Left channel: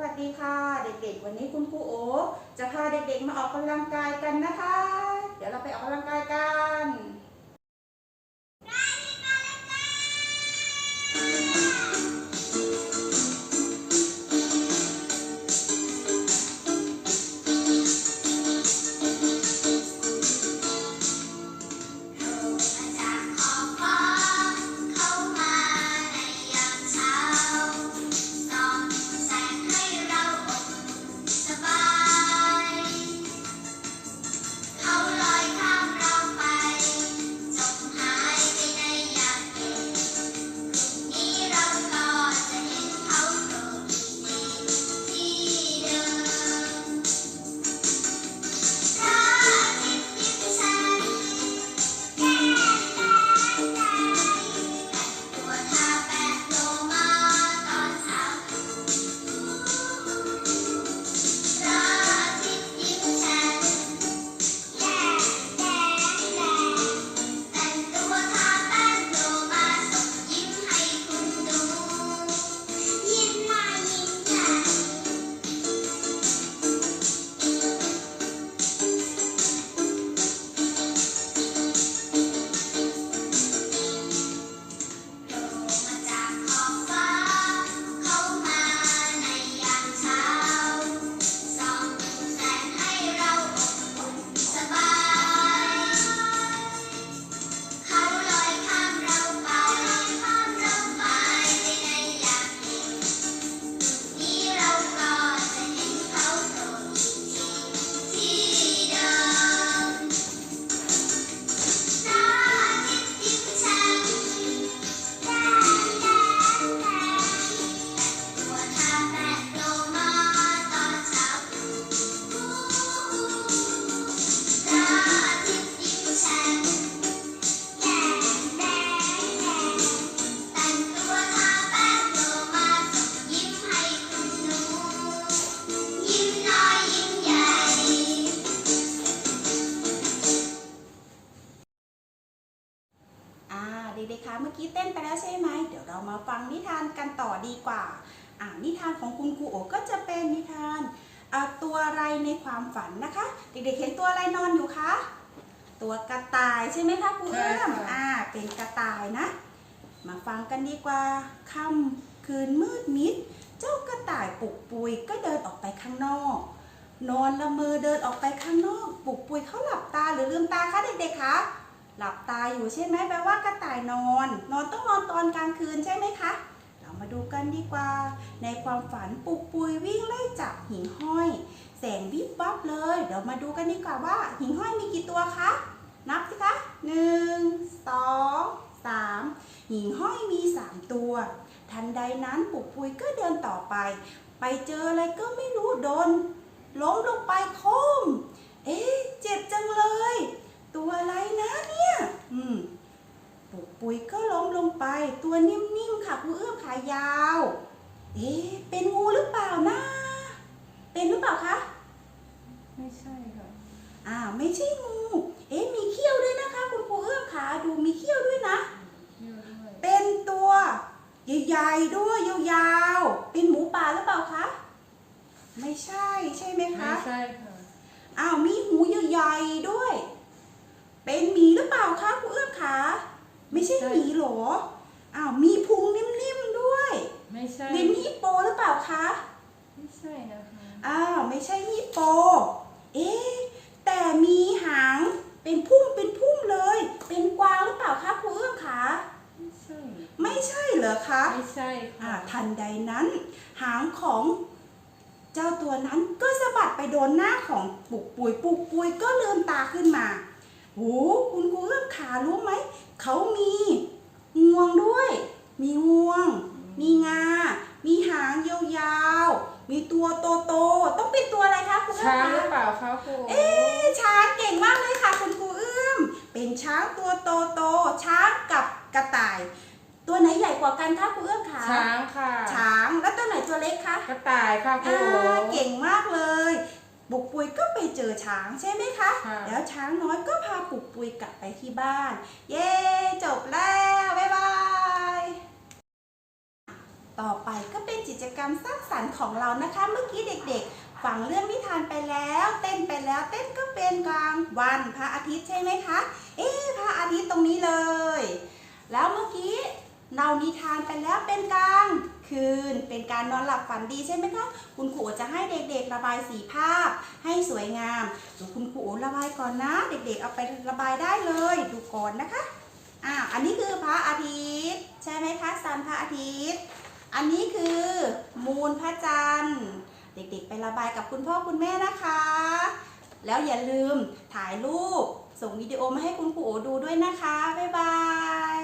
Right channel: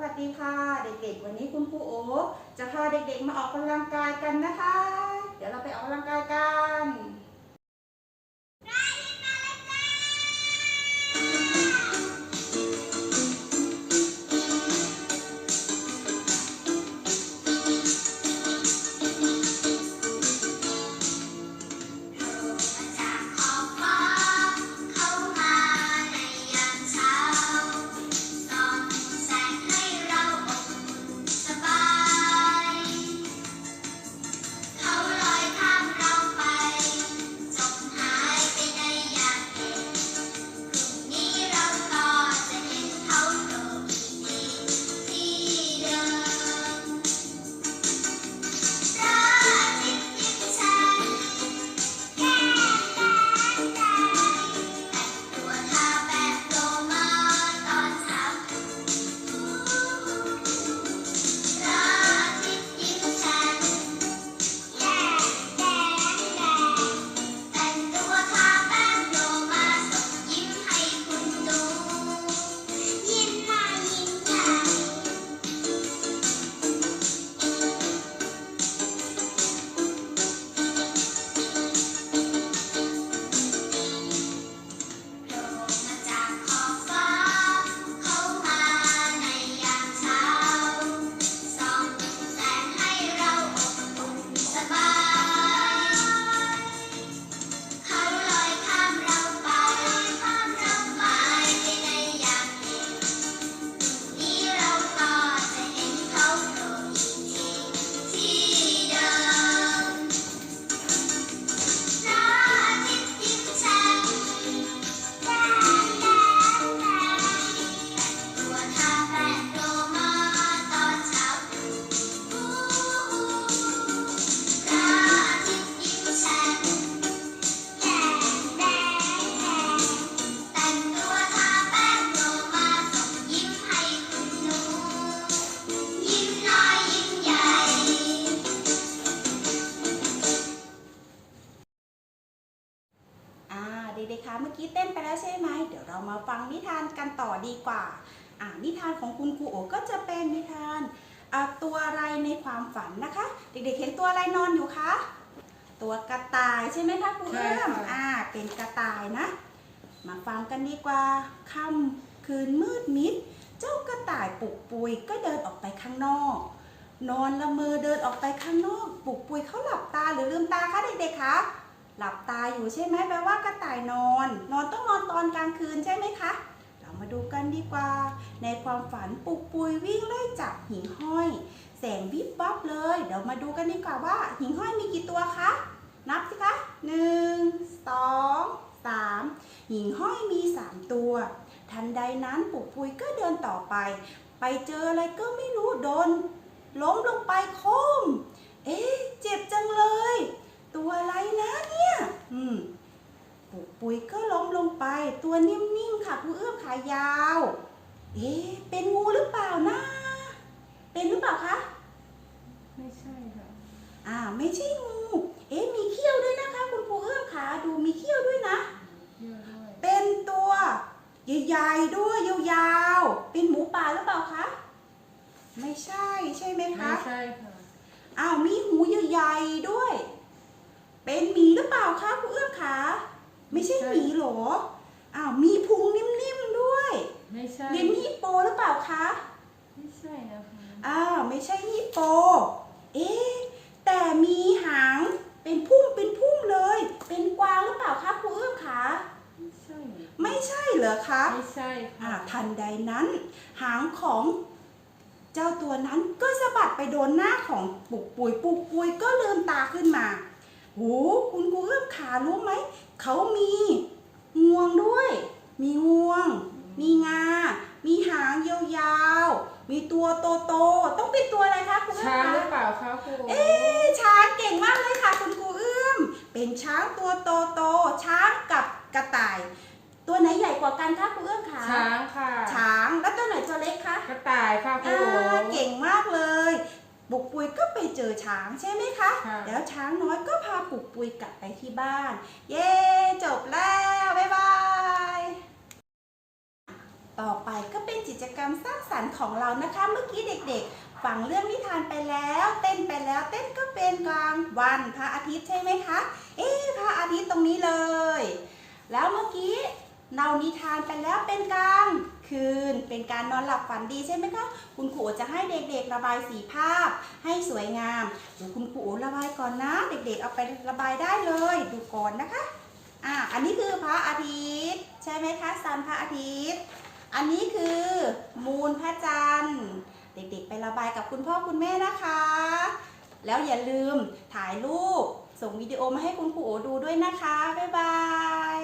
วัสดีค่ะ เด็กๆ วันนี้คุณครูโอจะพาเด็กๆมาออกกำลังกายกันนะคะ เดี๋ยวเราไปออกกำลังกายกัน ตัว อ่าเด็กๆคะ เมื่อกี้เต้นไปแล้วใช่ไหม เดี๋ยวเรามาฟังนิทานกันต่อดีกว่าอ่านิทานของคุณครูโอก็จะเป็นนิทานอ่าตัวอะไรในความฝันนะคะ เด็กๆเห็นตัวอะไรนอนอยู่คะตัวกระต่ายใช่ไหมคะครูเอื้อมใช่ค่ะอ่าเป็นกระต่ายนะ มาฟังกันดีกว่าค่ำคืนมืดมิด เจ้ากระต่ายปลุกปุยก็เดินออกไปข้างนอก นอนละเมอเดินออกไปข้างนอกปลุกปุยเขาหลับตาหรือลืมตาคะเด็กๆคะ หลับตาอยู่ใช่ไหมแปลว่ากระต่ายนอน นอนต้องนอนตอนกลางคืนใช่ไหมคะ เรามาดูกันดีกว่า ในความฝันปุกปุยวิ่งไล่จับหิ่งห้อย แสงวิบวับเลย เดี๋ยวมาดูกันดีกว่าว่า หิ่งห้อยมีกี่ตัวคะ นับสิคะหนึ่งสองสามหิ่งห้อยมีสามตัว ทันใดนั้นปุกปุยก็เดินต่อไป ไปเจออะไรก็ไม่รู้โดนล้มลงไปโค้มเอ๊ะเจ็บจังเลย ตัวอะไรนะเนี่ยอืมปุกปุยก็ล้มลงไป ตัวนิ่มๆค่ะผู้เอื้อมขายาว เอ๊ะเป็นงูหรือเปล่านะ เป็นหรือเปล่าคะไม่ใช่ค่ะอ่าไม่ใช่งู เอ๊ะมีเขี้ยวด้วยนะคะ คุณครูเอื้อมขาดูมีเขี้ยวด้วยนะเชื่อด้วยเป็นตัวใหญ่ๆด้วยยาวๆเป็นหมูป่าหรือเปล่าคะไม่ใช่ใช่ไหมไม่คะใช่ค่ะอ้าวมีหูใหญ่ๆด้วย เป็นหมีหรือเปล่าคะคุณเอื้อมขาไม่ใช่หมีเหรออ้าวมีพุงนิ่มๆด้วย ไม่ใช่เป็นฮิปโปหรือเปล่าคะไม่ใช่นะคะอ้าวไม่ใช่ฮิปโป เอ๊ะแต่มีหางเป็นพุ่มเป็นพุ่มเลย เป็นกวางหรือเปล่าคะคุณเอื้อมขาไม่ใช่ไม่ใช่เหรอคะไม่ใช่อ่าค่ะทันใดนั้น หางของเจ้าตัวนั้นก็สะบัดไปโดนหน้าของปุกปุยปุกปุยก็ลืมตาขึ้นมา โหคุณครูเอื้อมขารู้ไหม เขามีงวงด้วย มีงวง มีงา มีหางยาวๆ มีตัวโตๆ ต้องเป็นตัวอะไรคะคุณเอื้อช้ามงหรือคะเปล่าคะครูเอ๊ะช้างเก่งมากเลยค่ะ คุณครูเอื้อม เป็นช้างตัวโตๆ ช้างกับกระต่าย ตัวไหนใหญ่กว่ากันคะครูเอื้อมคะช้างค่ะช้าง แล้วตัวไหนตัวเล็กคะ กระต่ายค่ะครูอ่าเก่งมากเลย ปุกปุยก็ไปเจอช้างใช่ไหมคะค่ะแล้วช้างน้อยก็พาปุกปุยกลับไปที่บ้าน เย้ จบแล้ว บ๊ายบาย ต่อไปก็เป็นกิจกรรมสร้างสรรค์ของเรานะคะ เมื่อกี้เด็กๆ ฟังเรื่องนิทานไปแล้ว เต้นไปแล้ว เต้นก็เป็นกลางวันพระอาทิตย์ใช่ไหมคะ เอ๊ะพระอาทิตย์ตรงนี้เลย แล้วเมื่อกี้ เรานิทานไปแล้วเป็นกลางคืน เป็นการนอนหลับฝันดีใช่ไหมคะ คุณครูจะให้เด็กๆระบายสีภาพให้สวยงามดูคุณครูระบายก่อนนะ เด็กๆเอาไประบายได้เลย ดูก่อนนะคะอ่าอันนี้คือพระอาทิตย์ใช่ไหมคะซันพระอาทิตย์ อันนี้คือมูลพระจันทร์ เด็กๆไประบายกับคุณพ่อคุณแม่นะคะ แล้วอย่าลืมถ่ายรูปส่งวิดีโอมาให้คุณครูโอดูด้วยนะคะ บ๊ายบาย